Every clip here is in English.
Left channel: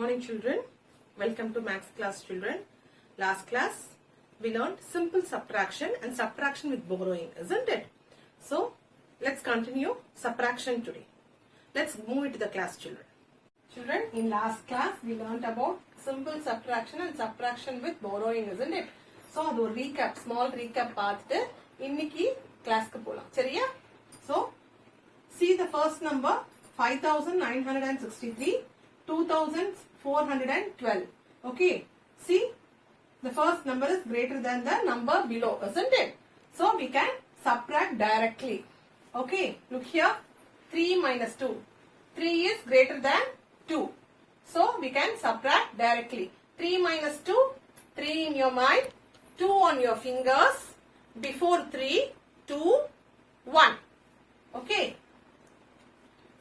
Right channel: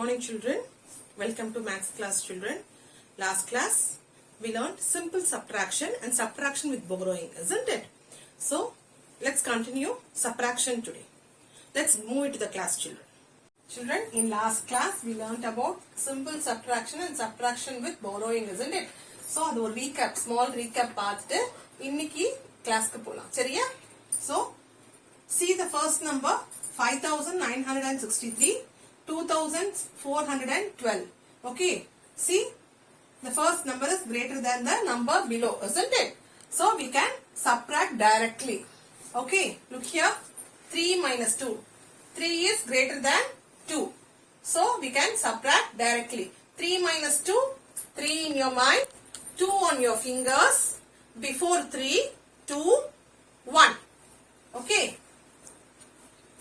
morning children. Welcome to Maths class children. Last class we learned simple subtraction and subtraction with borrowing, isn't it? So let's continue subtraction today. Let's move into the class children. Children, in last class we learned about simple subtraction and subtraction with borrowing, isn't it? So அது ஒரு recap, small recap பார்த்துட்டு இன்னைக்கு கிளாஸ்க்கு போலாம். சரியா? So see the first number 5963, 2412. Okay, see the first number is greater than the number below, isn't it? So we can subtract directly. Okay, look here, 3 minus 2. 3 is greater than 2. So we can subtract directly. 3 minus 2, 3 in your mind, 2 on your fingers, before 3, 2, 1. Okay.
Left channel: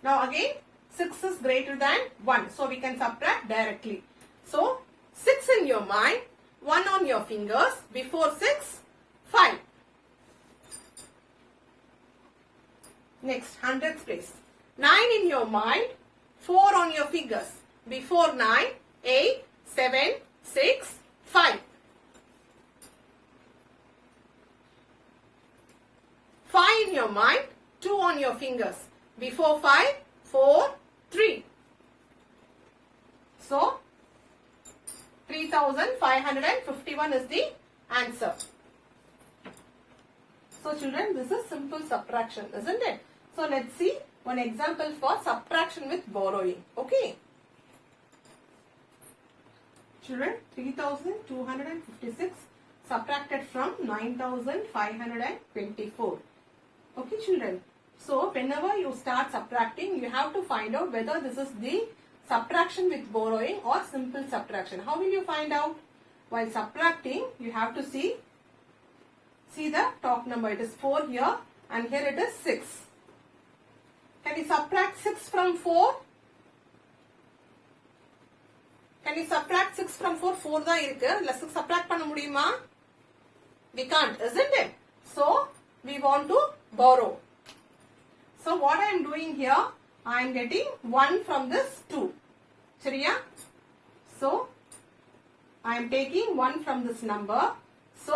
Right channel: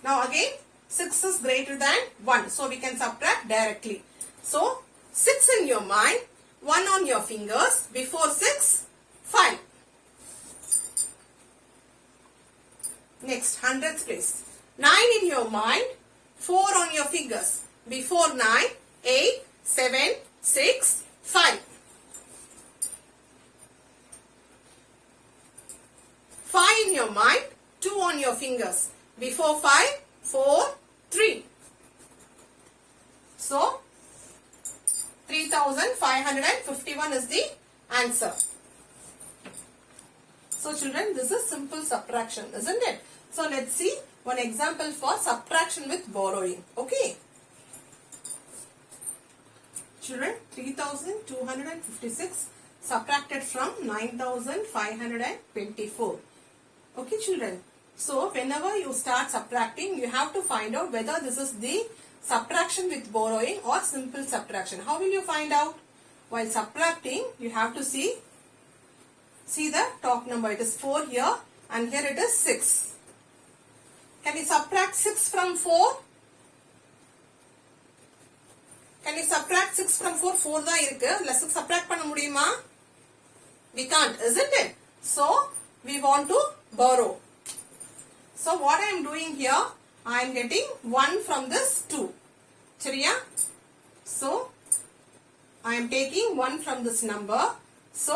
Now again 6 is greater than 1. So we can subtract directly. So 6 in your mind, 1 on your fingers, before 6, 5. Next, hundredths place. 9 in your mind, 4 on your fingers, before 9, 8, 7, 6, 5. 5 in your mind, 2 on your fingers, before 5, 4, 3. So 3551 is the answer. So children, this is simple subtraction, isn't it? So let's see one example for subtraction with borrowing. Okay. Children, 3256 subtracted from 9524. Okay children. So whenever you start subtracting, you have to find out whether this is the subtraction with borrowing or simple subtraction. How will you find out? While subtracting, you have to see the top number. It is 4 here and here it is 6. Can you subtract 6 from 4? Can you subtract 6 from 4? 4 தான் இருக்கு. Let's subtract பண்ண முடியுமா? We can't, isn't it? So we want to borrow. So what I am doing here, I am getting 1 from this 2. சரியா? So I am taking 1 from this number. So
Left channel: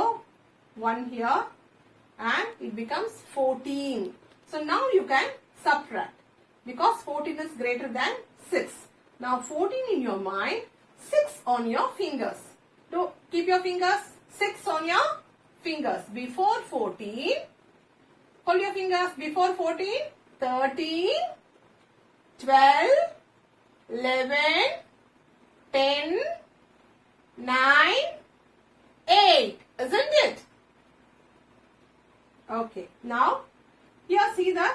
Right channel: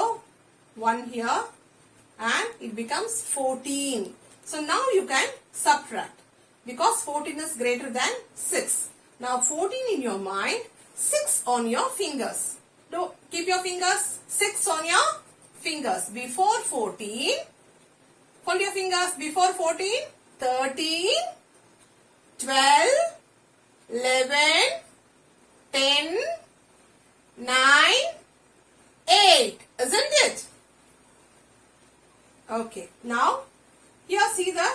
1 here and it becomes 14. So now you can subtract because 14 is greater than 6. Now 14 in your mind, 6 on your fingers. Keep your fingers, 6 on your fingers. Before 14, hold your fingers, before 14, 13, 12, 11, 10, 9, 8. Isn't it? Okay. Now, here see the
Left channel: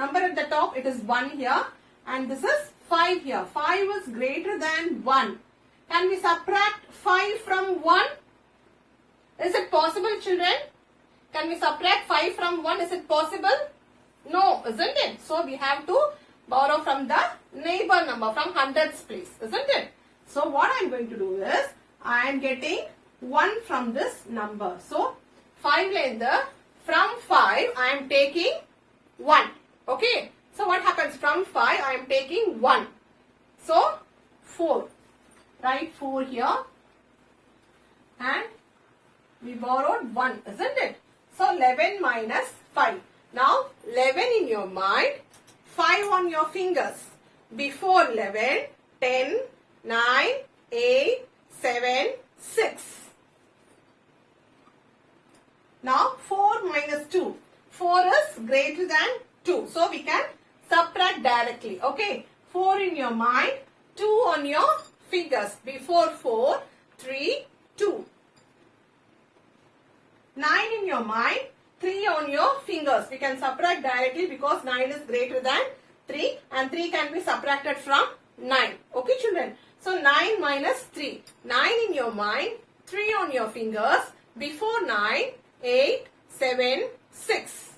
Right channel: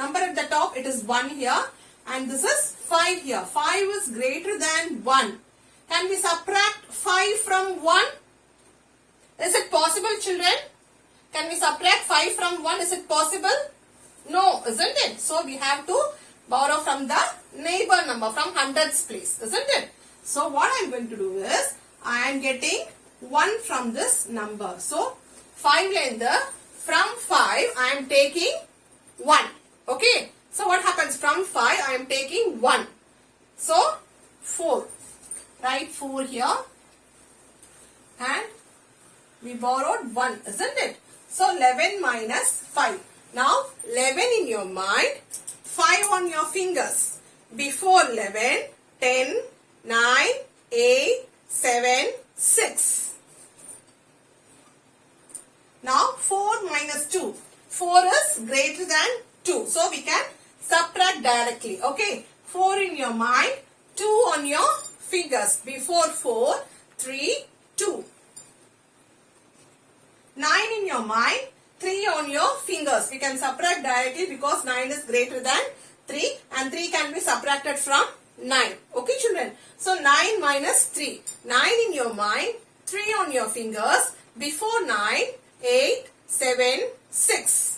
number at the top. It is 1 here. And this is 5 here. 5 is greater than 1. Can we subtract 5 from 1? Is it possible, children? Can we subtract 5 from 1? Is it possible? No, isn't it? So we have to borrow from the neighbor number, from hundreds place, isn't it? So what I am going to do is, I am getting 1 from this number. So 5 from 5 I am taking 1. Okay. So what happens from 5 I am taking 1. So 4. Write 4 here. And we borrowed 1, isn't it? So 11 minus 5. Now 11 in your mind, 5 on your fingers. Before 11, 10, 9, 8, 7, 6. Now 4 minus 2. 4 is greater than 2. So we can subtract directly. Okay. 4 in your mind, 2 on your fingers. Before 4, 3, 2. 9 in your mind, 3 on your fingers. We can subtract directly because 9 is greater than 3 and 3 can be subtracted from 9. Okay children. So 9 minus 3. 9 in your mind, 3 on your fingers. Before 9, 8, 7, 6.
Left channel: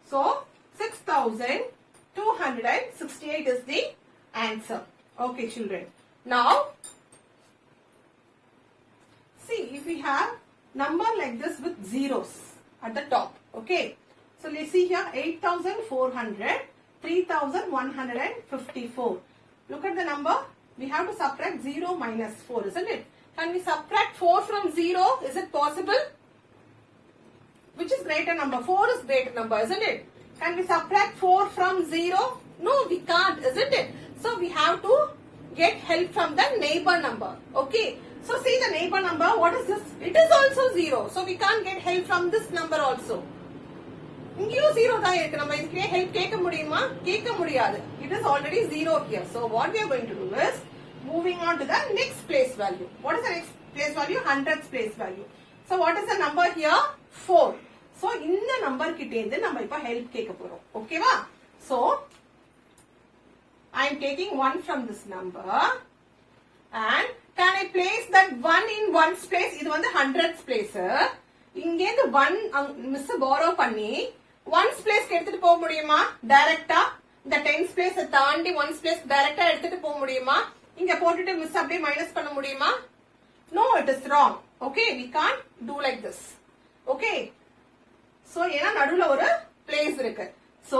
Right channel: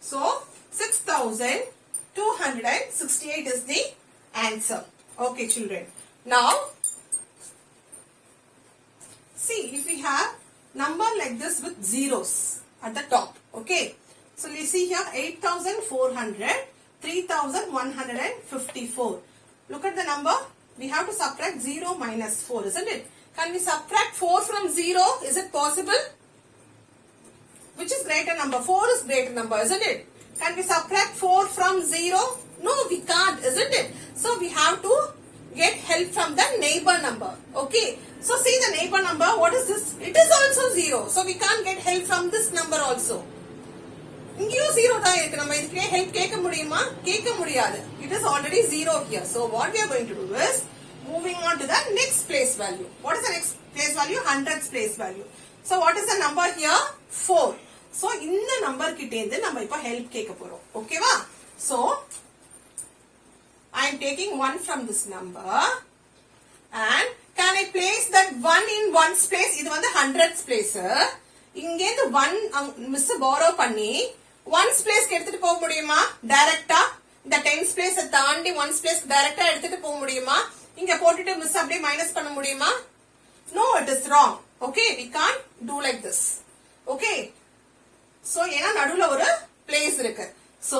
So 6268 is the answer. Okay children. Now see if we have number like this with zeros at the top. Okay. So let's see here 8400, 3154. Look at the number. We have to subtract 0 minus 4, isn't it? Can we subtract 4 from 0? Is it possible? Which is greater number? 4 is greater number, isn't it? Can we subtract 4 from 0? No, we can't, isn't it? So we have to get help from the neighbor number. Okay. So see the neighbor number. What is this? It is also 0. So we can't get help from this number also. இங்கேயும் 0 தான் இருக்கு. நம்ம இதுக்கே help கேட்க முடியுமா? கேட்க முடியாது. It is already 0 here. So what we are going to do is moving on to the next place value. What is the next place value? 100th place value. So what is the number here? 4. So இந்த number கிட்ட இருந்து நம்ம இப்ப help கேட்க போறோம். ஓகேவா? So I am taking 1 from this number and can I place that 1 in 1's place? இது வந்து 100th place. இங்க இருந்து 1 மிஸ் borrow பண்ணி 1's place எடுத்துட்டு போக முடியுமா? டைரக்டா இந்த 10's place தாண்டி 1's place டைரக்டா எடுத்துட்டு போக முடியுமா? இங்க போட்டுட்டு மிஸ் அப்படியே மைனஸ் பண்ண முடியுமா? No, it is wrong. Okay, we can't do like this. Okay. So ஏனா நடுவுல ஒரு place இருக்கு. So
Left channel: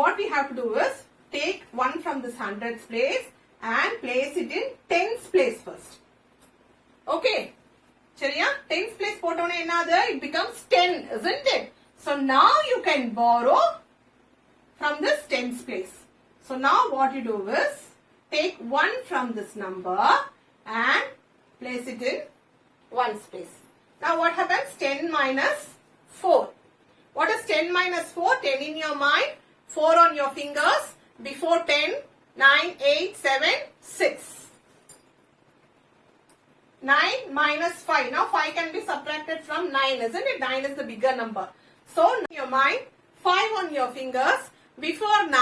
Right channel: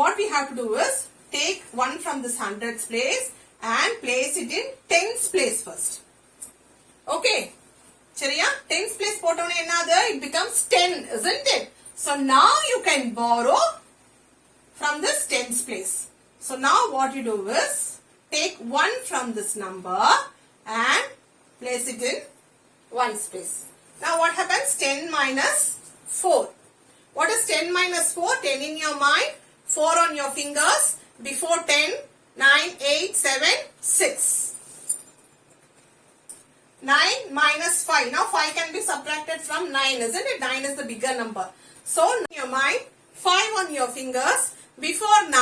what we have to do is take 1 from this 100th place and place it in 10th place first. Okay. சரியா? 10th place போட்டோனே என்னது? It becomes 10, isn't it? So now you can borrow from this 10th place. So now what you do is take 1 from this number and place it in 1's place. Now what happens? 10 minus 4. What is 10 minus 4? 10 in your mind, 4 on your fingers. Before 10, 9, 8, 7, 6. 9 minus 5. Now 5 can be subtracted from 9, isn't it? 9 is the bigger number. So in your mind, 5 on your fingers. Before 9,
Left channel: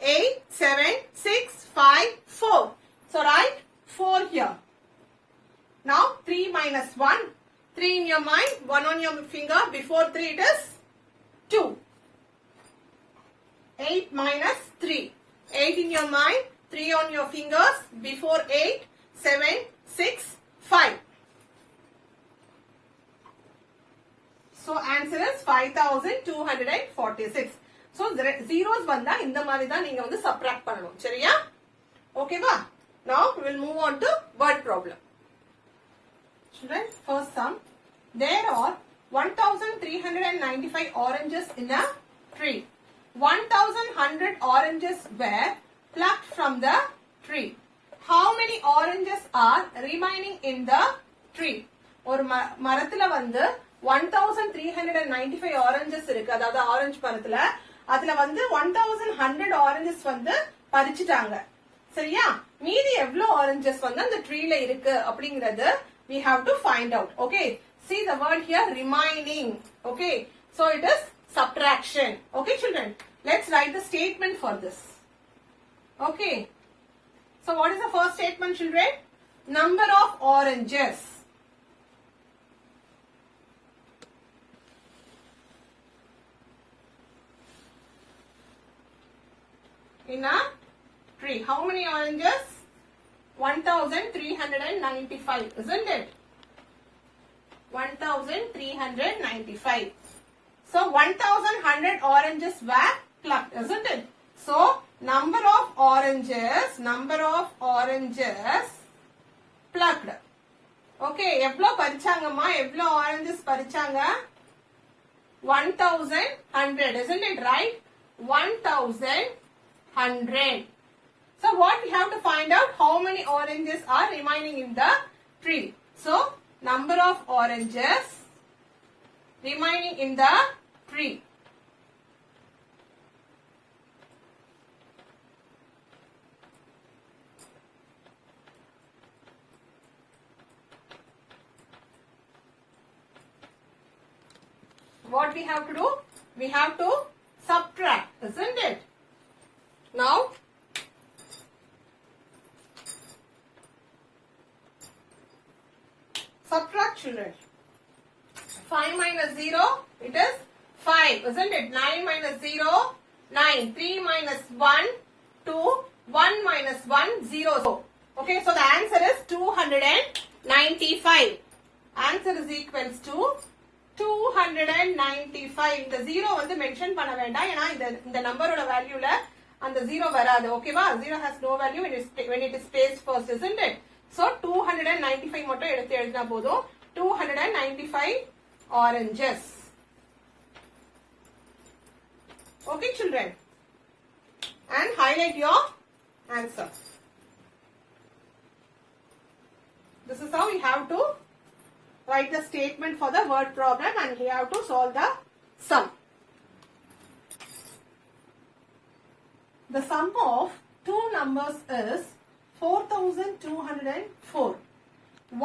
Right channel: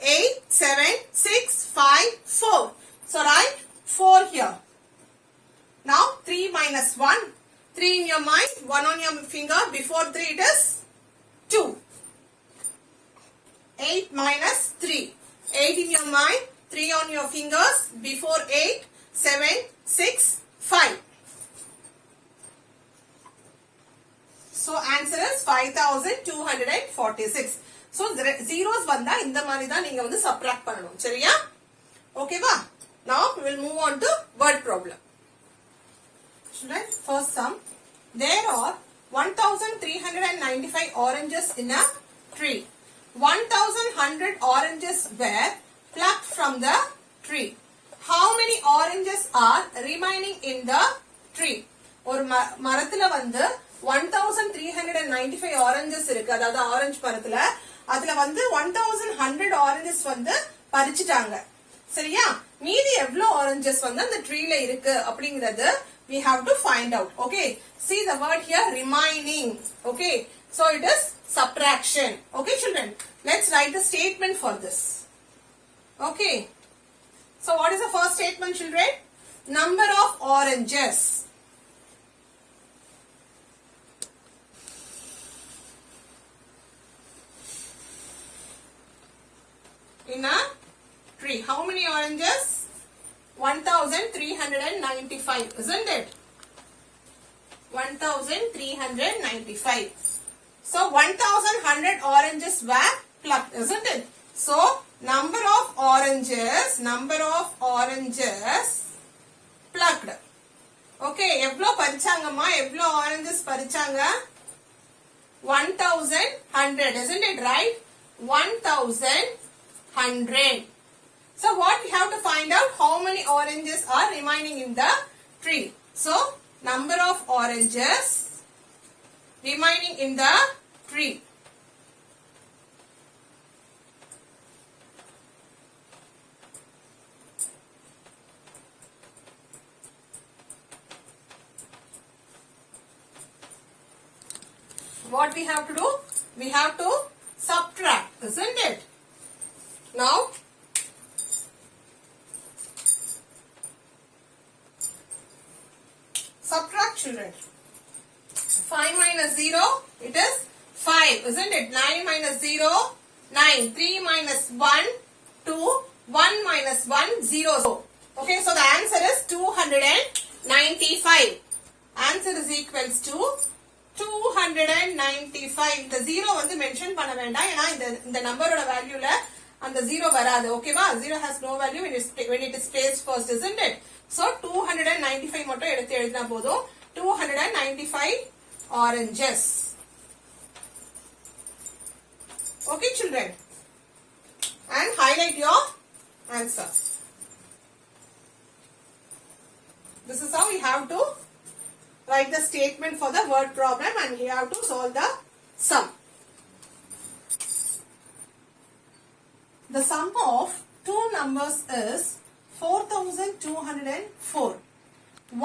8, 7, 6, 5, 4. So write 4 here. Now 3 minus 1. 3 in your mind, 1 on your finger. Before 3 it is 2. 8 minus 3. 8 in your mind, 3 on your fingers. Before 8, 7, 6, 5. So answer is 5246. So zeros வந்தா இந்த மாதிரி தான் நீங்க வந்து subtract பண்ணணும். சரியா? ஓகேவா? Now we will move on to word problem. Children, first sum. There are 1395 oranges in a tree. 1100 oranges were plucked from the tree. How many oranges are remaining in the tree? ஒரு மரத்துல வந்து 1395 oranges இருக்கு. அதாவது orange மரத்துல அதுல வந்து 1100 oranges வந்து பறிச்சிட்டாங்க. சரியா? மீதி எவ்வளவு oranges வந்து அந்த ட்ரீல இருக்கு அப்படிங்கிறது we have to find out. Okay, see the word here, remaining. Okay, so it is subtraction. Okay children, let's write the statement for this. Okay, so what is the first statement children? Number of oranges. In a tree, how many oranges? 1395, isn't it? 1395. So 1100 oranges were plucked, isn't it? So number of oranges plucked. Okay, எவ்வளோ பறிச்சாங்கம்மா? எவ்வளோ oranges பறிச்சாங்க? 1100, isn't it right? 1100. So what we have to find out? How many oranges are remaining in the tree? So number of oranges remaining in the tree. What we have to do? We have to subtract, isn't it? Now subtract children. 5 minus 0, it is 5, isn't it? 9 minus 0, 9. 3 minus 1, 2. 1 minus 1, 0. Okay, so the answer is 295. Answer is equals to 295. இந்த 0 வந்து mention பண்ண வேண்டாம். ஏன்னா இந்த நம்பரோட வேல்யூல and the 0 varadu. Okay va? 0 has no value when it is placed first, isn't it? So 295 மட்டும் எடுத்து எழுதினா போதும். 295 oranges. Okay children, and highlight your answer. This is how we have to write the statement for the word problem, and we have to solve the sum. The sum of two numbers is 4204.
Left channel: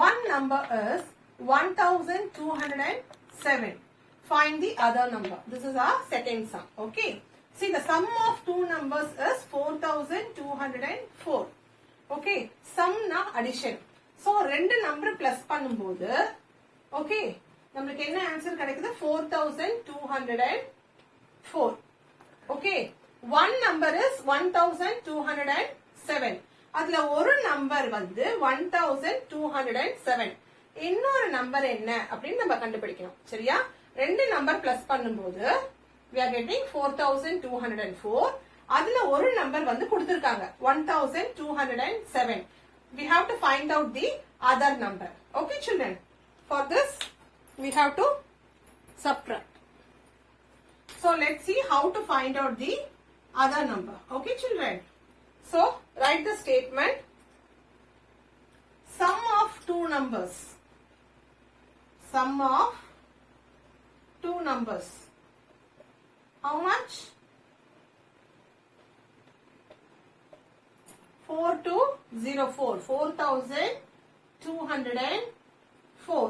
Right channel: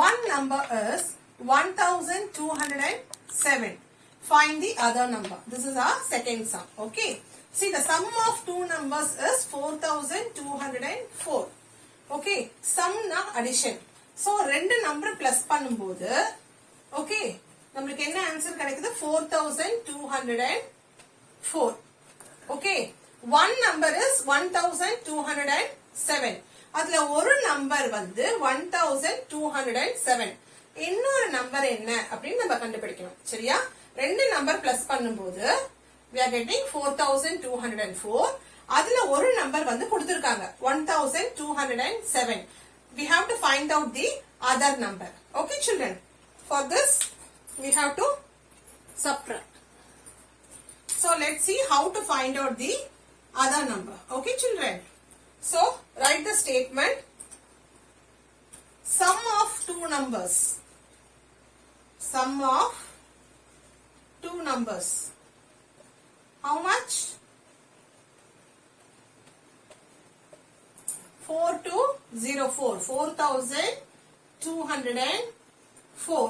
One number is 1207. Find the other number. This is our second sum. Okay. See, the sum of two numbers is 4204. Okay. Sum na addition. So, ரெண்டு number plus பண்ணும்போது okay, நம்மளுக்கு என்ன answer கிடைக்குது? 4204. Okay. One number is 1207. அதுல ஒரு number வந்து 1207. இன்னொரு number என்ன அப்படின்னு நம்ம கண்டுபிடிக்கணும். சரியா? ரெண்டு நம்பர் பிளஸ் பண்ணும்போது we are getting 4204. அதுல ஒரு நம்பர் வந்து கொடுத்திருக்காங்க 1207. We have to find out the other number. Okay children, for this we have to subtract. So let's see how to find out the other number. Okay children, so write the statement. Sum of two numbers. Sum of two numbers. How much? 4204. 4204.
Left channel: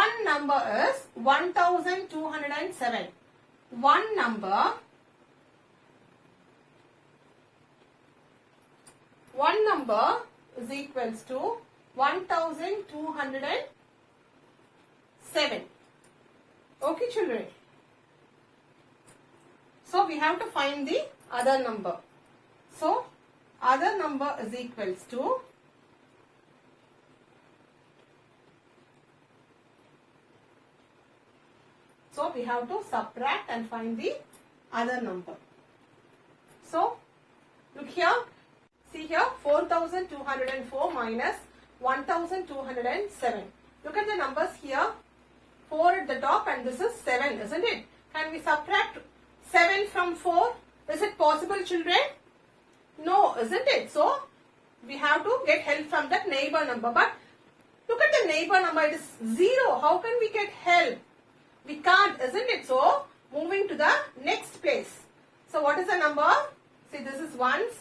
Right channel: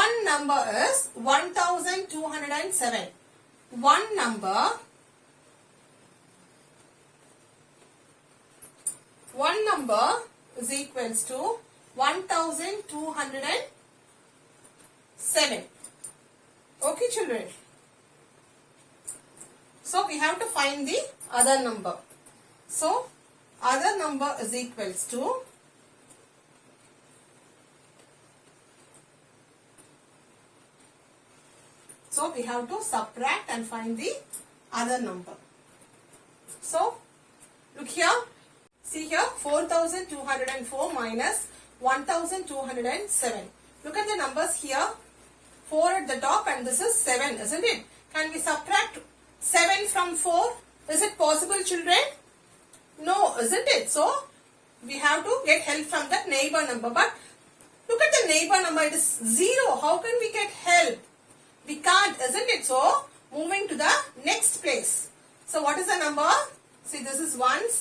One number is 1207. One number is equals to 1207. Okay children, so we have to find the other number. So other number is equals to so we have to subtract and find the other number. So look here, see here, 4204 minus 1207. Look at the numbers here. 4 at the top and this is 7, isn't it? Can we subtract 7 from 4? Is it possible children? No, isn't it? So we have to get help from that neighbor number. But look at the neighbor number, it is 0. How can we get help? We can't, isn't it? So moving to the next place. So what is the number? See, this is ones,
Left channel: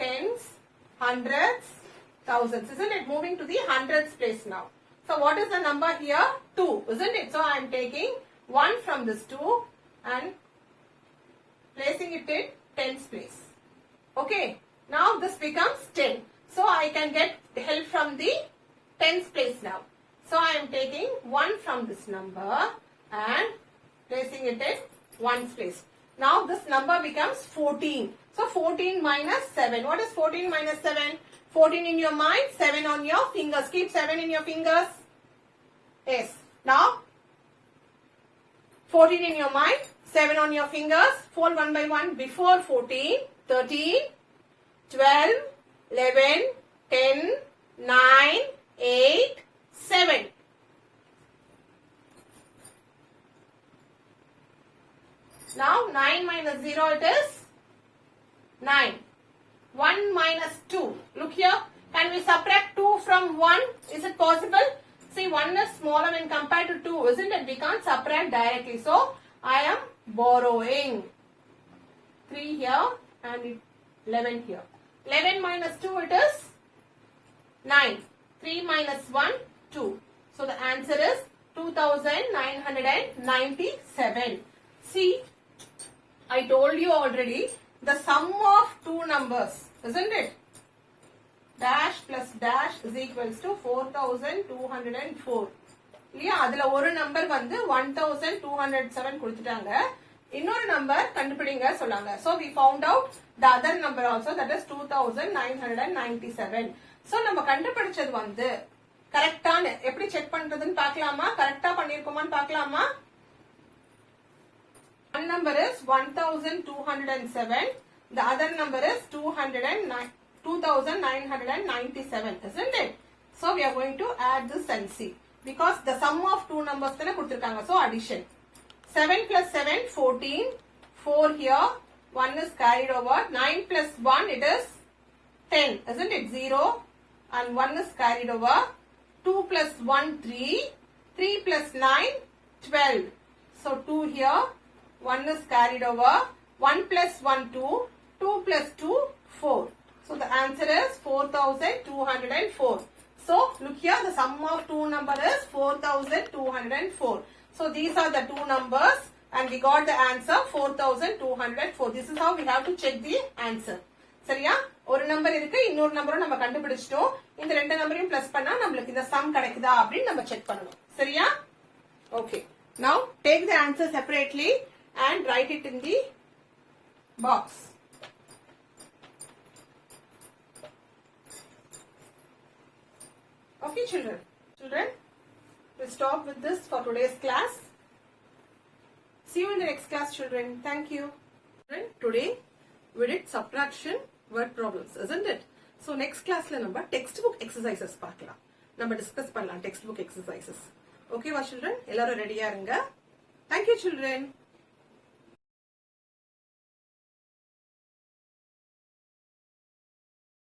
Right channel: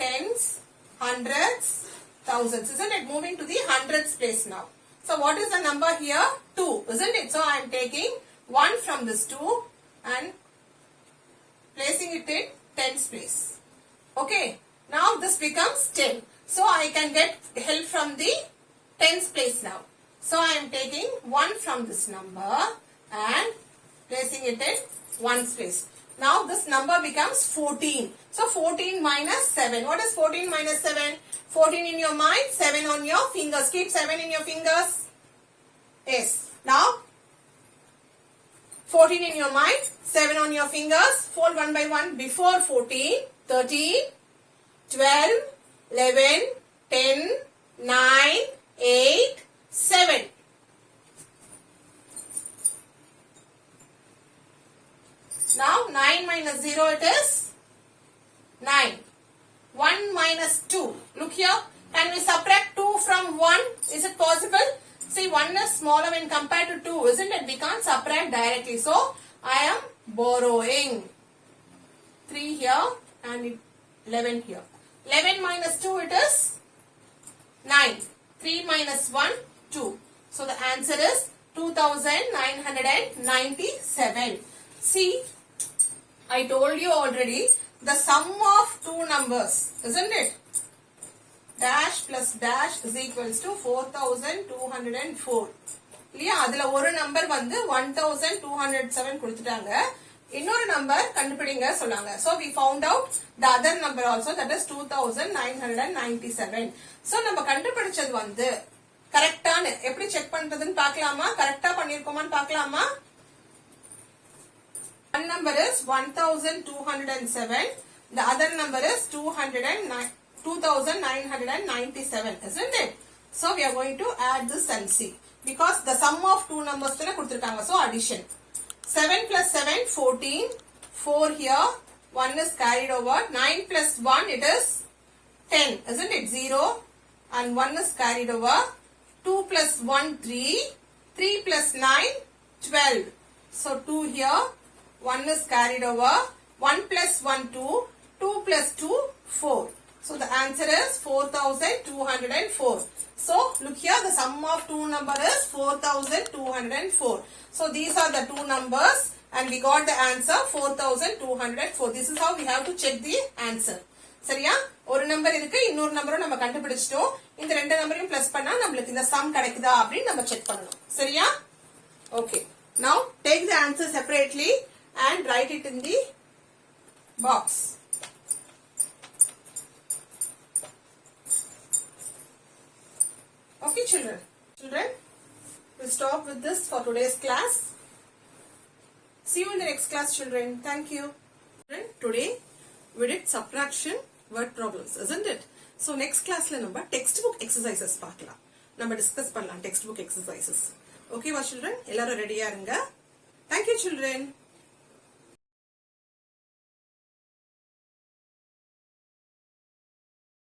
tens, hundreds, thousands, isn't it? Moving to the hundreds place now. So what is the number here? 2, isn't it? So I am taking 1 from this 2 and placing it in tens place. Okay. Now this becomes 10. So I can get help from the tens place now. So I am taking 1 from this number and placing it in ones place. Now this number becomes 14. So 14 minus 7. What is 14 minus 7? 14 in your mind, 7 on your fingers. Keep 7 in your fingers. Yes. Now 14 in your mind, 7 on your fingers. Fold one by one. Before 14, 13, 12, 11, 10, 9, 8, 7. Now 9 minus 0 it is 9. 1 minus 2. Look here. Can we subtract 2 from 1? Is it possible? See, 1 is smaller when compared to 2, isn't it? We can't subtract directly. So I am borrowing 3 here and 11 here. 11 minus 2 it is 9. 3 minus 1, 2. So the answer is 2997. See, I told you already the sum of two numbers, isn't it? Dash plus dash is equals to 4204. இல்லையா? அதுல ஒரு number வந்து 1207 கொடுத்துட்டாங்க. இன்னொரு number கண்டுபிடிங்க சொன்னாங்க. So we found out the other number also, that is 2997. So நம்ம கண்டுபிடிச்சது வந்து கரெக்டான எப்படி செக் பண்றதுன்னு பார்க்கலாமா? கரெக்டா பண்ணிருக்கோமான்னு பார்க்கலாமா? One number is 1207. The other number is 2997, isn't it? So we are going to add this and see. Because the sum of two numbers thana kuduthirukanga. So addition. 7 plus 7, 14. 4 here. 1 is carried over. 9 plus 1, it is 10. Isn't it? 0. And 1 is carried over. 2 plus 1, 3. 3 plus 9, 12. So 2 here. 1 is carried over. 1 plus 1, 2. 2 plus 2, 4. So the answer is 4204. So look here, the sum of two numbers is 4204. So these are the two numbers and we got the answer 4204. This is how we have to check the answer. சரியா? ஒரு number இருக்கு, இன்னொரு நம்பரும் நம்ம கண்டுபிடிச்சிட்டோம். இந்த ரெண்டு நம்பரையும் பிளஸ் பண்ணா நமக்கு இந்த சம் கிடைக்குதா அப்படி நம்ம செக் பண்ணனும். சரியா? Okay. Now take the answer separately and write it in the box. Okay, children. We'll stop with this for today's class. See you in the next class, children. Thank you. Today we did subtraction word problems, isn't it? So next class la number textbook exercises paakalam. Number discuss pannalam textbook exercises. Okay, children? Ellarum ready ah irunga. Thank you, children.